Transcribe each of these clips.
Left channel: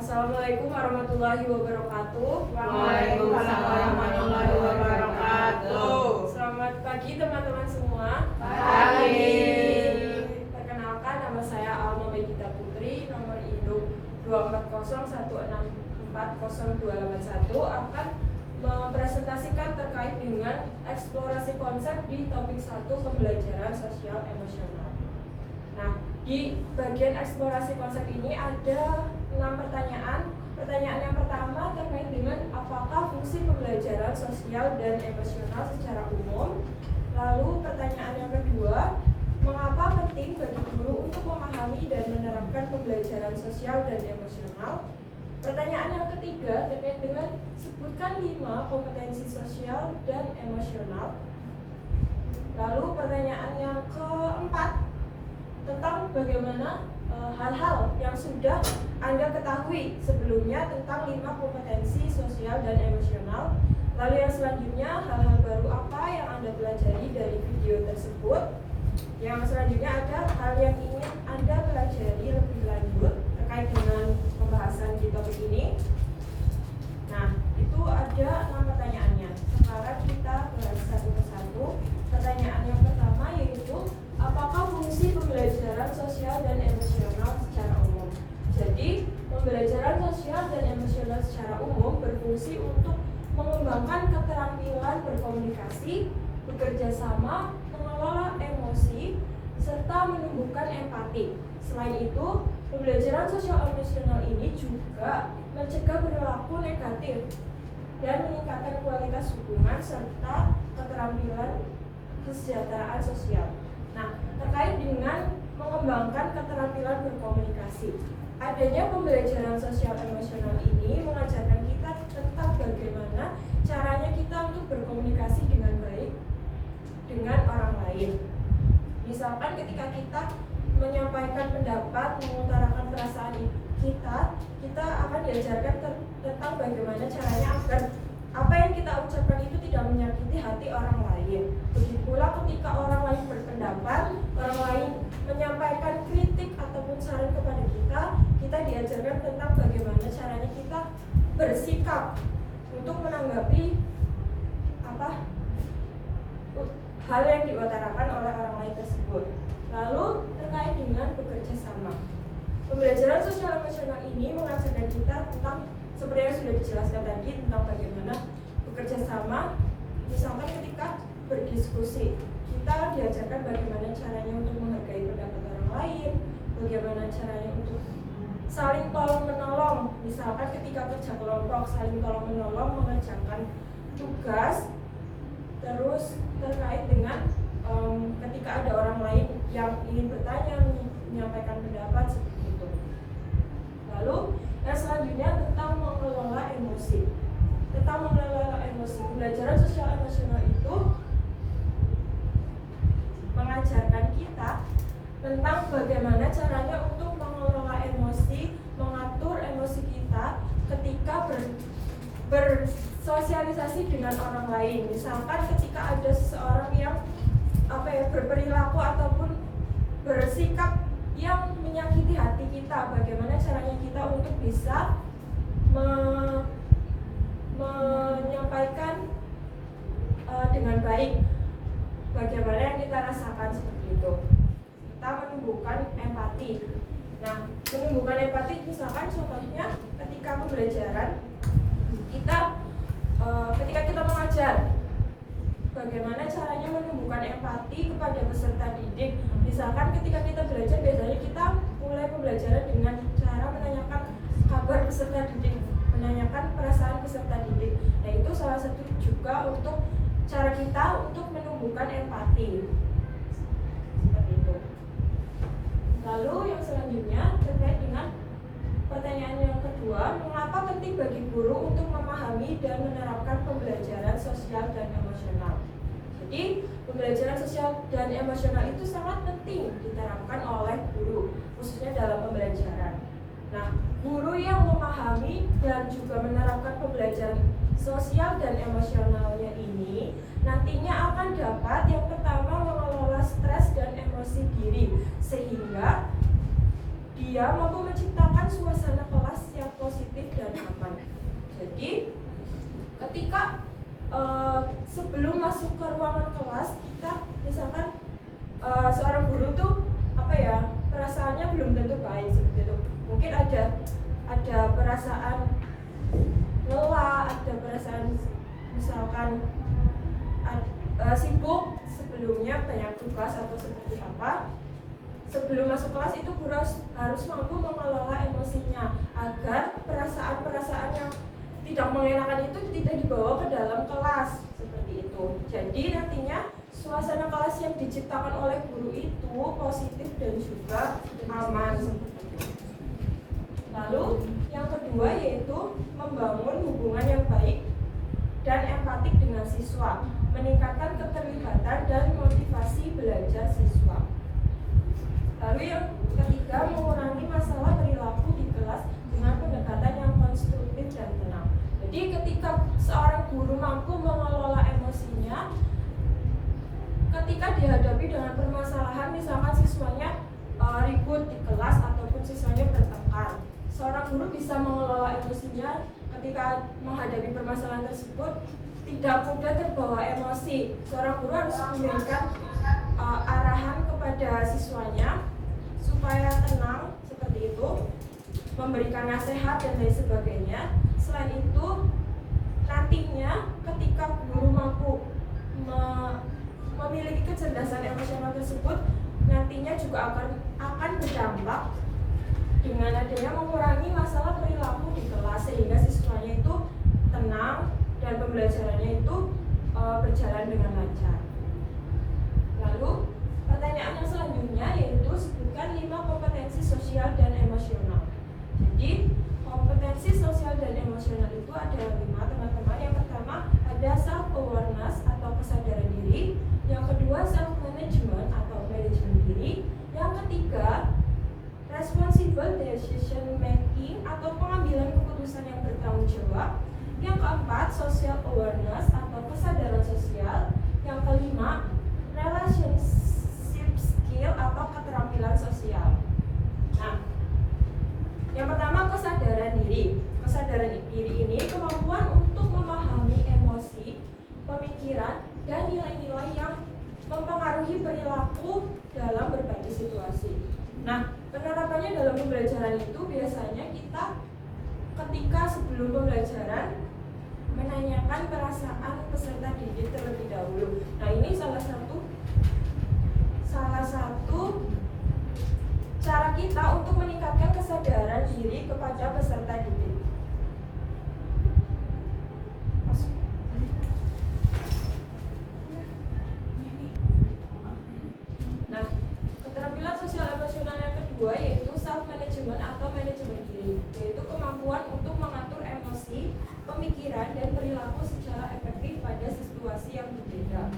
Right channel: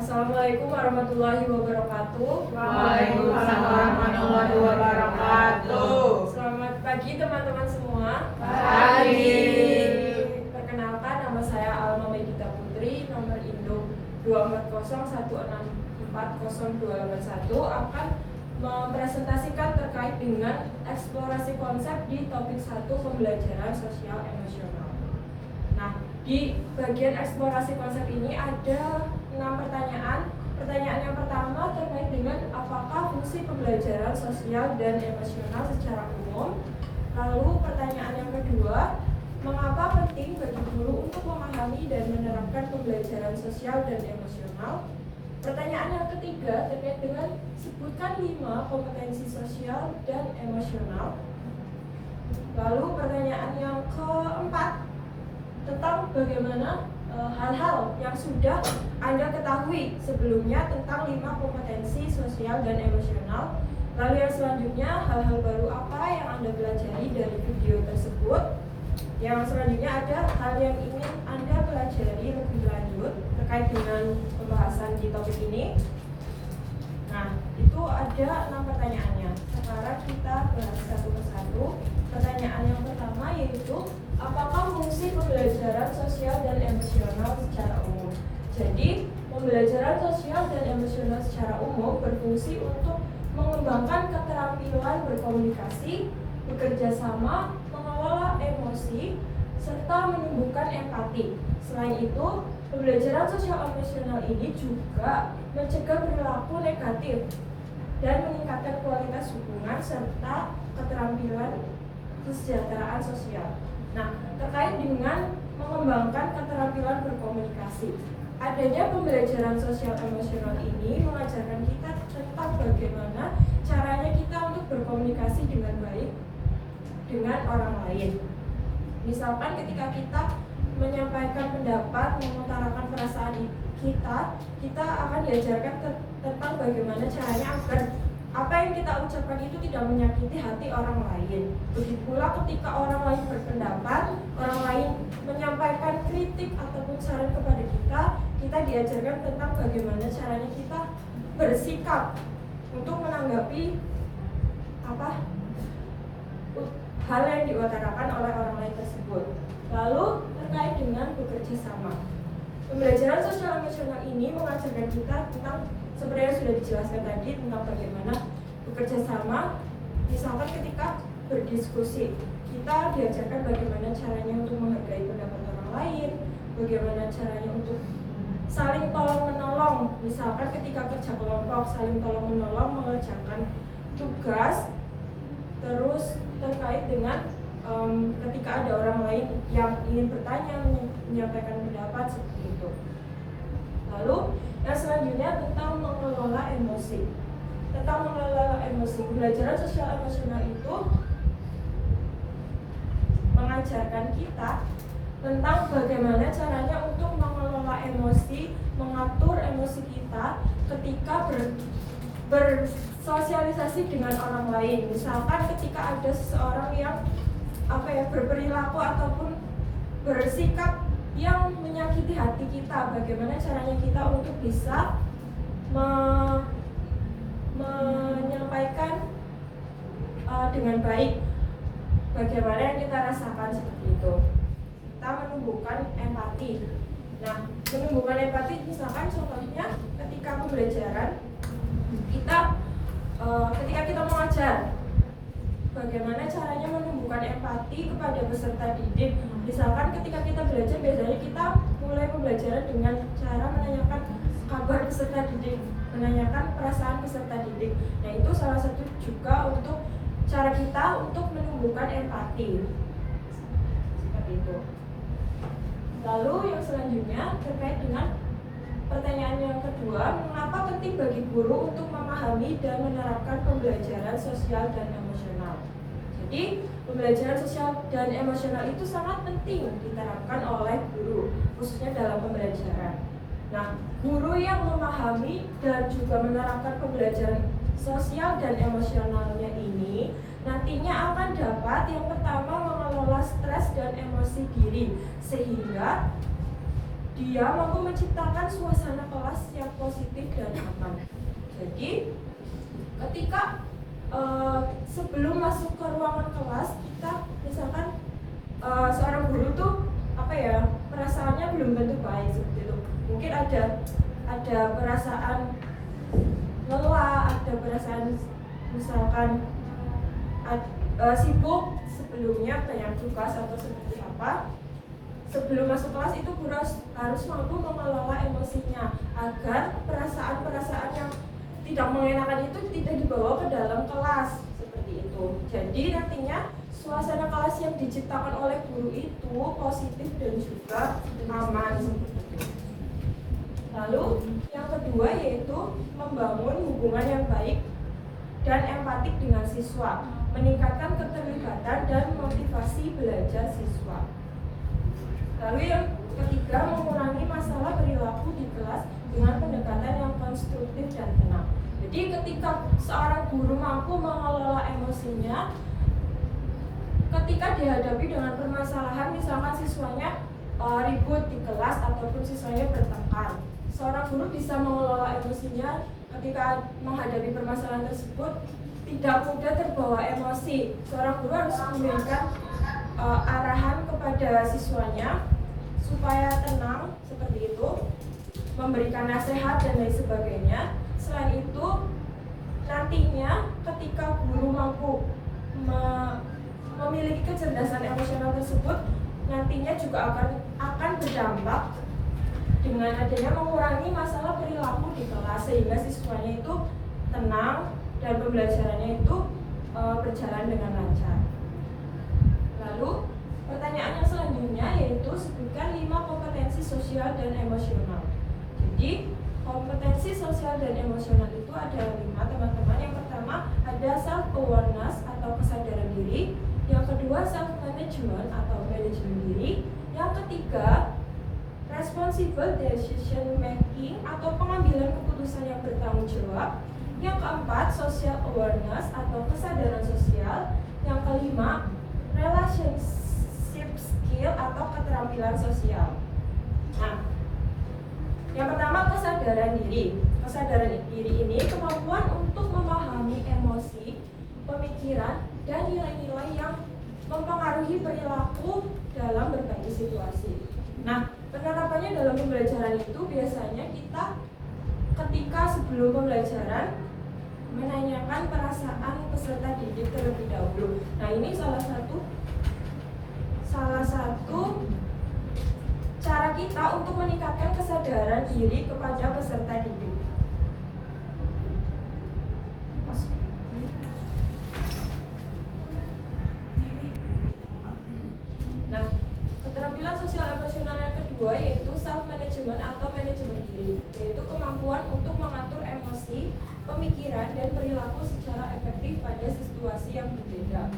Assalamualaikum warahmatullahi wabarakatuh. Waalaikumsalam warahmatullahi wabarakatuh. Selamat pagi teman-teman semua. Pagi. Perkenalkan, nama saya Alma Megita Putri, nomor induk 24016440281 akan mempresentasikan terkait dengan eksplorasi konsep di topik 1 pembelajaran sosial emosional. Nah, di bagian eksplorasi konsep ini ada 6 pertanyaan. Pertanyaan yang pertama terkait dengan apakah fungsi pembelajaran sosial dan emosional secara umum. Lalu pertanyaan yang kedua, mengapa penting bagi guru untuk memahami dan menerapkan pembelajaran sosial dan emosional. Pertanyaan yang ketiga terkait dengan sebutkan 5 kompetensi sosial dan emosional. Lalu pertanyaan yang keempat tentang bagaimana hal-hal yang sudah Anda ketahui sebelumnya tentang 5 kompetensi sosial dan emosional. Lalu yang selanjutnya, hal-hal baru apa yang Anda pelajari dari video tersebut. Yang selanjutnya ada hal yang ingin Anda pelajari lebih lanjut terkait dengan pembahasan di topik ini. Nah, itu ada 6 pertanyaannya. Sekarang kita bahas satu persatu. Pertanyaan yang pertama yaitu, apakah fungsi pembelajaran sosial dan emosional secara umum? Jadi, pembelajaran sosial dan emosional secara umum berfungsi untuk mengembangkan keterampilan berkomunikasi, bekerja sama, mengelola emosi, serta menyembuhkan empati. Selain itu, pembelajaran sosial emosional ini juga mencegah perilaku negatif dan meningkatkan kualitas hubungan serta keterampilan kesejahteraan sosial. Nah, terkait dengan mengembangkan keterampilan berkomunikasi, adanya pembelajaran sosial emosional ini mengajarkan kita tentang bagaimana caranya kita untuk berkomunikasi dengan baik dengan orang lain. Misalkan ketika kita menyampaikan pendapat, mengutarakan perasaan kita akan diajarkan tentang bagaimana caranya agar apa yang kita ucapkan itu tidak menyakiti hati orang lain. Begitu pula ketika orang lain berpendapat, orang lain menyampaikan kritik ataupun saran kepada kita diajarkan tentang bagaimana caranya kita bersikap untuk menanggapi hal yang diutarakan oleh orang lain tersebut. Lalu terkait dengan bekerja sama, pembelajaran sosial emosional ini mengajarkan kita tentang seperti yang sudah dijelaskan tadi tentang bagaimana bekerja sama. Misalkan ketika berdiskusi, kita diajarkan bagaimana caranya untuk menghargai pendapat orang lain, bagaimana caranya untuk saling tolong menolong. Misalkan ketika kerja kelompok, saling tolong menolong mengerjakan tugas. Terus terkait dengan ketika ada orang lain yang ingin bertanya, menyampaikan pendapat seperti itu. Lalu yang selanjutnya tentang mengelola emosi. Tentang mengelola emosi, pembelajaran sosial emosional itu mengajarkan kita tentang bagaimana caranya untuk mengelola emosi, mengatur emosi kita ketika bersosialisasi dengan orang lain. Misalkan ketika ada seseorang yang berperilaku ataupun bersikap yang menyakiti hati kita, bagaimana caranya kita untuk bisa menyampaikan dengan baik bagaimana yang kita rasakan seperti itu. Kita menumbuhkan empati. Nah, menumbuhkan empati misalkan contohnya ketika pembelajaran ketika kita mengajar, bagaimana caranya menumbuhkan empati kepada peserta didik. Misalkan ketika kita belajar, biasanya kita mulai pembelajaran dengan cara menanyakan kabar peserta didik, menanyakan perasaan peserta didik. Nah, itu salah satu juga untuk cara kita untuk menumbuhkan empati. Seperti itu. Lalu yang selanjutnya terkait dengan pertanyaan yang kedua, mengapa penting bagi guru untuk memahami dan menerapkan pembelajaran sosial dan emosional? Jadi, pembelajaran sosial dan emosional itu sangat penting diterapkan oleh guru, khususnya dalam pembelajaran. Nah, guru yang memahami dan juga menerapkan pembelajaran sosial dan emosionalnya ini nantinya akan dapat yang pertama mengelola stres dan emosi diri, sehingga dia mampu menciptakan suasana kelas yang positif Jadi ketika sebelum masuk ke ruangan kelas, kita misalkan seorang guru tuh perasaannya belum tentu baik seperti itu. Mungkin ada perasaan lelah, ada perasaan misalkan sibuk sebelumnya, banyak tugas atau seperti apa. Sebelum masuk kelas itu guru harus mampu mengelola emosinya agar perasaan-perasaan yang tidak mengenakan itu tidak dibawa ke dalam kelas seperti itu. Jadi nantinya suasana kelas yang diciptakan oleh guru itu positif dan juga aman seperti itu. Lalu yang kedua yaitu membangun hubungan yang baik dan empatik dengan siswa, meningkatkan keterlibatan dan motivasi belajar siswa. Lalu yang ketiga, mengurangi masalah perilaku di kelas dengan pendekatan yang konstruktif dan tenang. Jadi ketika seorang guru mampu mengelola emosinya, ketika dihadapi dengan permasalahan, misalkan siswanya ribut di kelas ataupun siswanya bertengkar, seorang guru bisa mengelola emosinya ketika menghadapi permasalahan tersebut, tidak mudah terbawa emosi. Seorang guru harus memberikan arahan kepada siswanya supaya tenang seperti itu, memberikan nasihat dan lain sebagainya. Selain itu, nantinya ketika guru mampu memiliki kecerdasan emosional tersebut, nantinya juga akan berdampak dengan adanya mengurangi masalah perilaku di kelas, sehingga siswanya itu tenang dan pembelajarannya itu berjalan dengan lancar. Lalu pertanyaan yang selanjutnya yaitu sebutkan 5 kompetensi sosial dan emosional. Jadi kompetensi sosial dan emosional itu ada 5 teman-teman. Yang pertama ada self awareness atau kesadaran diri. Yang kedua self management atau manajemen diri. Yang ketiga responsible decision making atau pengambilan keputusan yang bertanggung jawab. Yang keempat social awareness atau kesadaran sosial. Yang kelima relationship skill atau keterampilan sosial. Nah, yang pertama kesadaran diri. Kesadaran diri ini kemampuan untuk memahami emosi, pemikiran, dan nilai-nilai yang mempengaruhi perilaku dalam berbagai situasi. Nah, penerapannya dalam pembelajaran itu biasanya kita ketika sebelum pembelajaran menanyakan perasaan peserta didik terlebih dahulu. Nah, ini salah satu cara kita untuk meningkatkan kesadaran diri kepada peserta didik. Nah, keterampilan sosial emosional yang kedua yaitu self management atau manajemen diri, yaitu kemampuan untuk mengatur emosi, pemikiran, dan perilaku secara efektif pada situasi yang berbeda.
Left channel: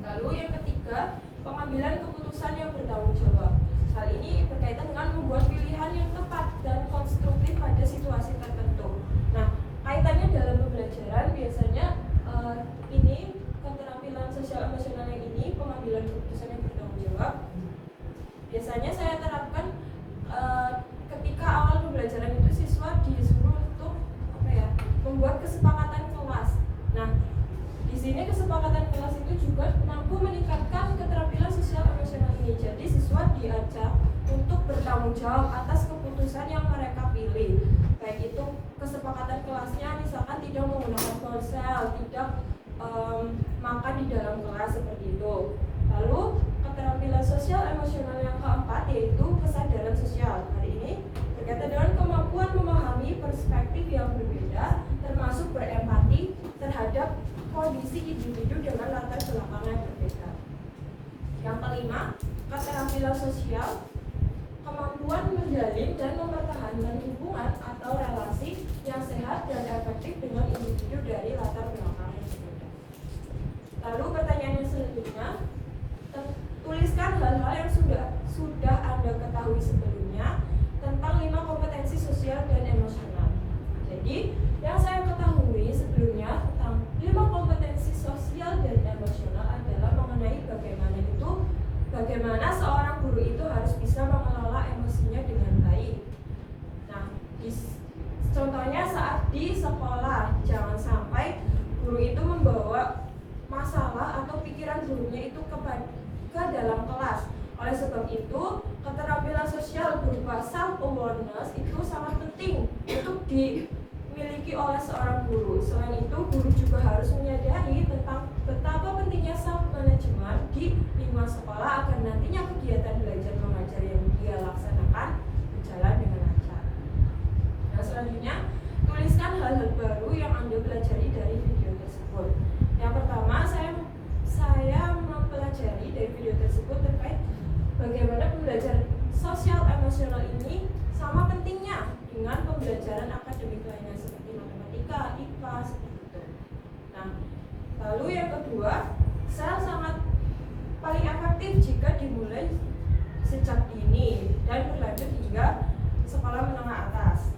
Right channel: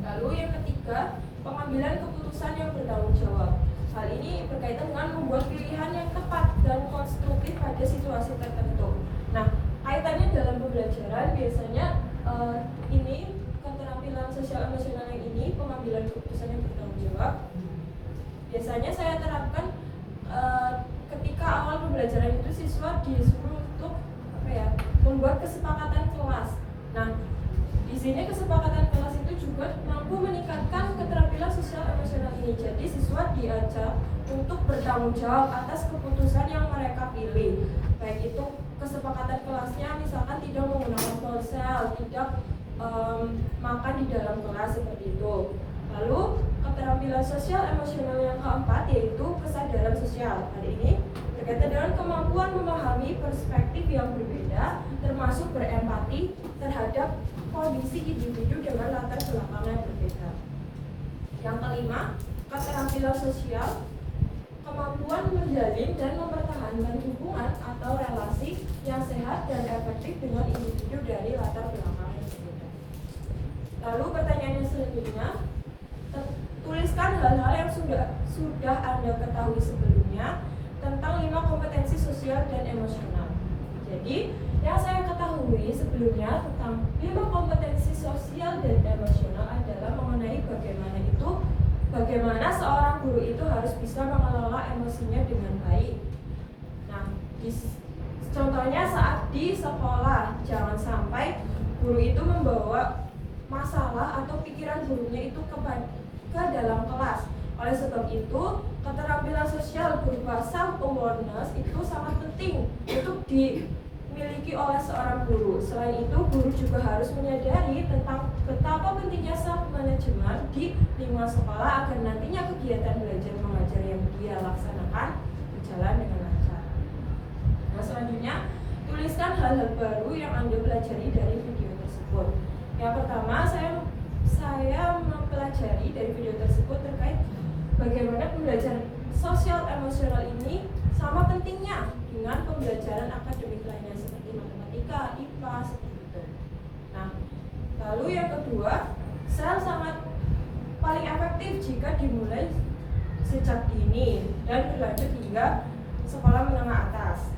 Lalu yang ketiga, pengambilan keputusan yang bertanggung jawab. Hal ini berkaitan dengan membuat pilihan yang tepat dan konstruktif pada situasi tertentu. Nah, kaitannya dalam pembelajaran biasanya ini keterampilan sosial emosional yang ini, pengambilan keputusan yang bertanggung jawab, biasanya saya terapkan ketika awal pembelajaran itu siswa disuruh untuk membuat kesepakatan kelas. Nah, di sini kesepakatan kelas itu juga mampu meningkatkan keterampilan sosial emosional ini. Jadi siswa diajak untuk bertanggung jawab atas keputusan yang mereka pilih. Baik itu kesepakatan kelasnya misalkan tidak menggunakan ponsel, tidak makan di dalam kelas seperti itu. Lalu keterampilan sosial emosional yang keempat yaitu kesadaran sosial. Hari ini berkaitan dengan kemampuan memahami perspektif yang berbeda, termasuk berempati terhadap kondisi individu dengan latar belakang yang berbeda. Yang kelima, keterampilan sosial, kemampuan menjalin dan mempertahankan hubungan atau relasi yang sehat dan efektif dengan individu dari latar belakang yang berbeda. Lalu pertanyaan yang selanjutnya, tuliskan hal-hal yang sudah Anda ketahui sebelumnya tentang 5 kompetensi sosial dan emosional. Jadi, yang saya ketahui sebelumnya tentang 5 kompetensi sosial dan emosional adalah mengenai bagaimana seorang guru itu harus bisa mengelola emosinya dengan baik. Nah, Contohnya saat di sekolah, jangan sampai guru itu membawa masalah atau pikiran gurunya itu ke dalam kelas. Oleh sebab itu, keterampilan sosial berupa self awareness itu sangat penting untuk dimiliki oleh seorang guru. Selain itu, guru juga harus menyadari tentang betapa pentingnya self management di lingkungan sekolah agar nantinya kegiatan belajar mengajar yang dia laksanakan berjalan dengan lancar. Nah, selanjutnya, tuliskan hal-hal baru yang Anda pelajari dari video tersebut. Yang pertama, saya mempelajari dari video tersebut terkait bagaimana pembelajaran sosial emosional ini sama pentingnya dengan pembelajaran akademik lainnya seperti matematika, IPA, seperti itu. Nah, lalu yang kedua, sel sangat paling efektif jika dimulai sejak dini dan berlanjut hingga sekolah menengah atas.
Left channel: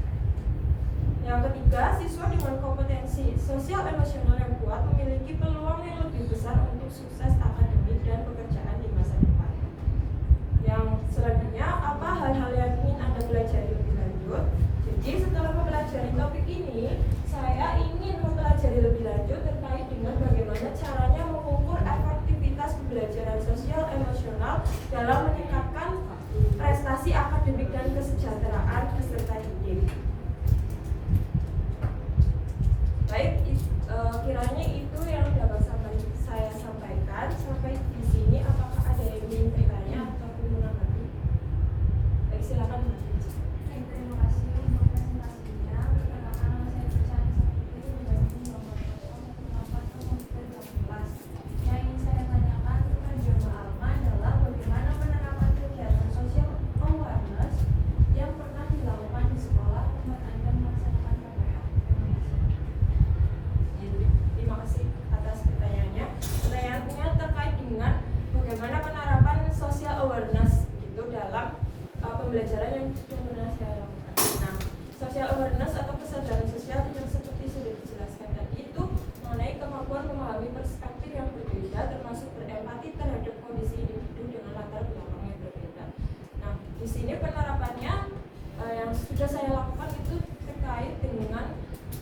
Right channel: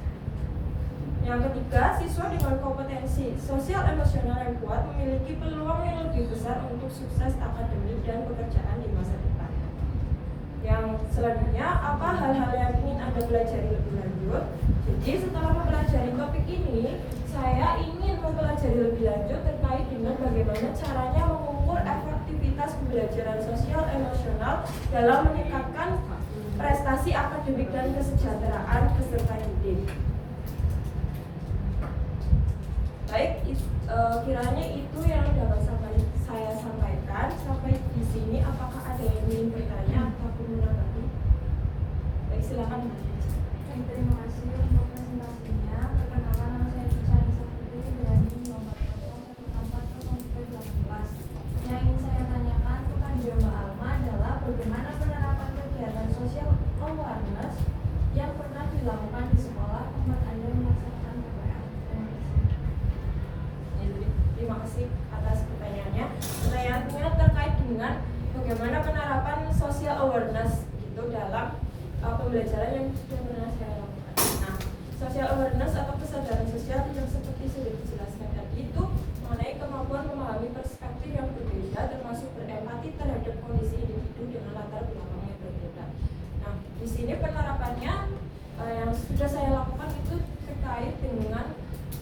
Yang ketiga, siswa dengan kompetensi sosial emosional yang kuat memiliki peluang yang lebih besar untuk sukses akademik dan pekerjaan di masa depan. Yang selanjutnya, apa hal-hal yang ingin Anda pelajari lebih lanjut? Jadi setelah mempelajari topik ini, saya ingin mempelajari lebih lanjut terkait dengan bagaimana caranya mengukur efektivitas pembelajaran sosial emosional dalam meningkatkan prestasi akademik dan kesejahteraan peserta didik. Baik, kiranya itu yang dapat saya sampaikan. Sampai di sini, apakah ada yang ingin bertanya ataupun menanggapi? Baik, silakan. Terima kasih untuk presentasinya. Perkenalkan, nama saya Cari Sakti dari nomor 04/2018. Yang ingin saya tanyakan kepada Mbak Alma adalah bagaimana penerapan kegiatan sosial awareness yang pernah dilakukan di sekolah tempat Anda melaksanakan PPL. Terima kasih atas pertanyaannya. Pertanyaannya terkait dengan bagaimana penerapan social awareness itu dalam pembelajaran yang sudah pernah saya lakukan. Nah, social awareness atau kesadaran sosial yang seperti sudah dijelaskan tadi itu mengenai kemampuan memahami perspektif yang berbeda, termasuk berempati terhadap kondisi individu dengan latar belakang yang berbeda. Nah, di sini penerapannya yang sudah saya lakukan itu terkait dengan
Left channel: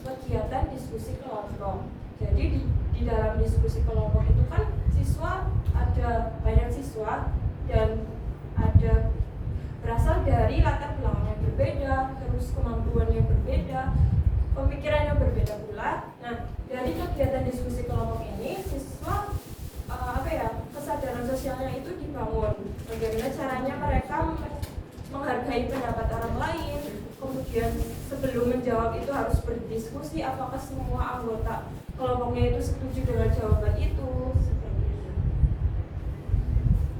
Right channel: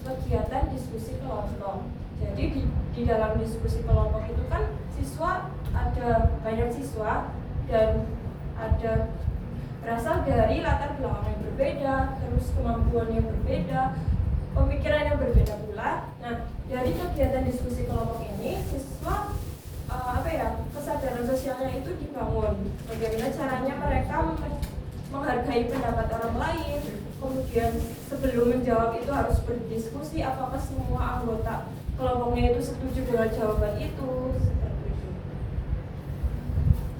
kegiatan diskusi kelompok. Jadi di dalam diskusi kelompok itu kan ada banyak siswa dan ada berasal dari latar belakang yang berbeda, terus kemampuan yang berbeda, pemikiran yang berbeda pula. Nah, dari kegiatan diskusi kelompok ini siswa kesadaran sosialnya itu dibangun. Bagaimana caranya mereka menghargai pendapat orang lain, kemudian sebelum menjawab itu harus berdiskusi apakah semua anggota kelompoknya itu setuju dengan jawaban itu,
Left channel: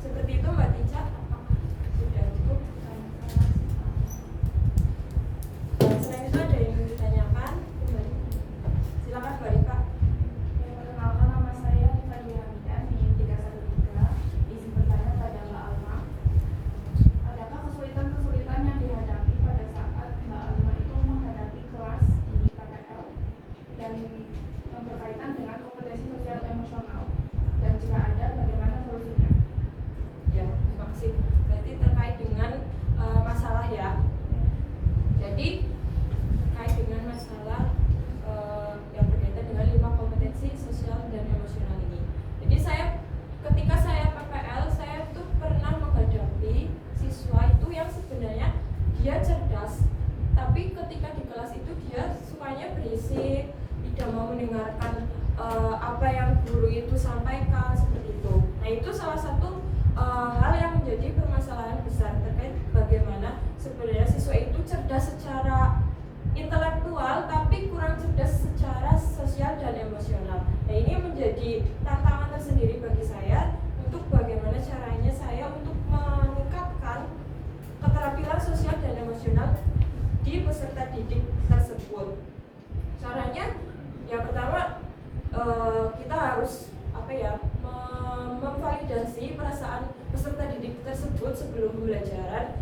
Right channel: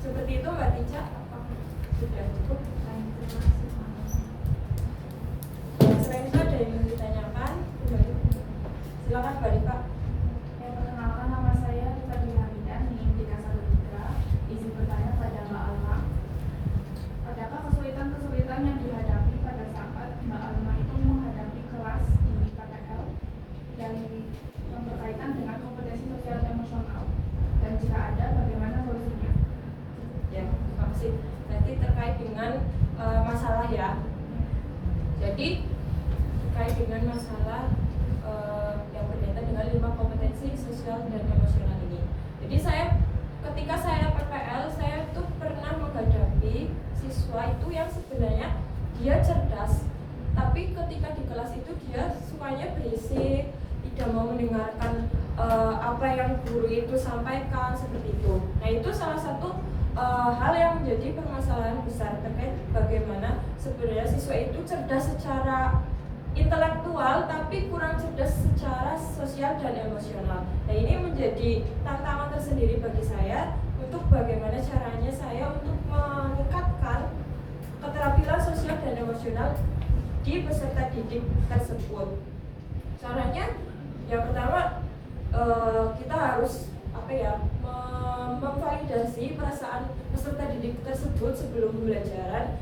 seperti itu Mbak Tica. Apakah sudah cukup? Selain itu ada yang ditanyakan? Silakan Mbak Rika. Perkenalkan, nama saya Tadi Hamidan di 313. Izin bertanya pada Mbak Alma. Adakah kesulitan-kesulitan yang dihadapi pada saat Mbak Alma itu menghadapi kelas di PPL dan yang berkaitan dengan kompetensi sosial emosional? Dan jika ada, bagaimana solusinya? Ya, terima kasih. Berarti terkait dengan masalah ya. Jadi terkait dengan masalah yang berkaitan dengan 5 kompetensi sosial dan emosional ini. Jadi ketika saya PPL, saya tuh pernah menghadapi siswa itu yang sebenarnya dia cerdas, tapi ketika di kelas itu dia sukanya berisik, tidak mau mendengarkan apa yang guru itu sampaikan, seperti itu. Nah, itu salah satu hal yang menjadi permasalahan besar terkait bagaimana sebenarnya siswa itu cerdas secara intelektual tapi kurang cerdas secara sosial dan emosional. Nah, ini menjadi tantangan tersendiri bagi saya untuk bagaimana caranya saya untuk meningkatkan keterampilan sosial dan emosional di peserta didik tersebut. Caranya yang pertama kita harus memvalidasi perasaan peserta didik tersebut sebelum pembelajaran.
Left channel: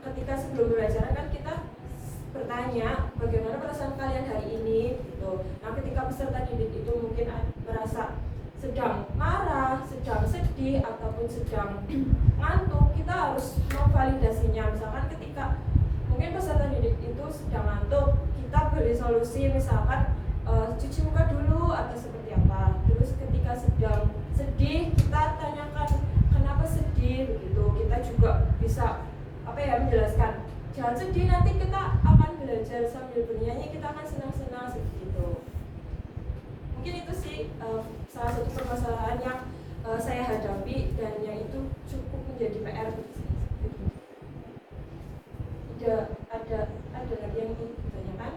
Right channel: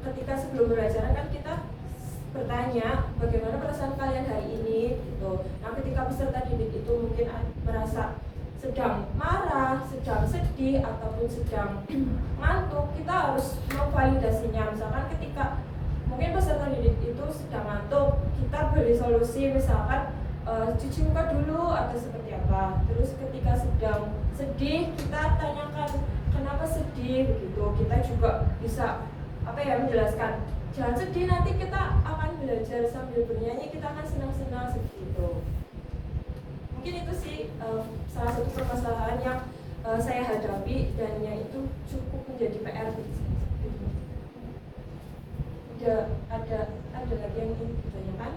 Ketika sebelum pembelajaran kan kita bertanya bagaimana perasaan kalian hari ini gitu. Nah, ketika peserta didik itu mungkin merasa sedang marah, sedang sedih ataupun sedang ngantuk, kita harus memvalidasinya. Misalkan ketika mungkin peserta didik itu sedang ngantuk, kita boleh solusi, misalkan cuci muka dulu atau seperti apa. Terus ketika sedang sedih kita tanyakan kenapa sedih begitu. Kita juga bisa menjelaskan jangan sedih, nanti kita akan belajar sambil bernyanyi, kita akan senang-senang seperti itu. Mungkin itu sih salah satu permasalahan yang saya hadapi dan yang itu cukup menjadi PR bagi saya. Ada lagi yang ingin ditanyakan?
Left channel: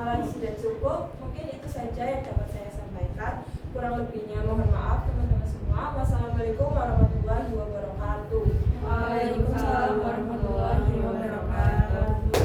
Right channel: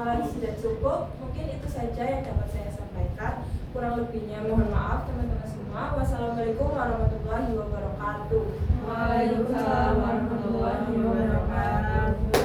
Kalau sudah cukup, mungkin itu saja yang dapat saya sampaikan. Kurang lebihnya mohon maaf teman-teman semua. Wassalamualaikum warahmatullahi wabarakatuh. Waalaikumsalam warahmatullahi wabarakatuh.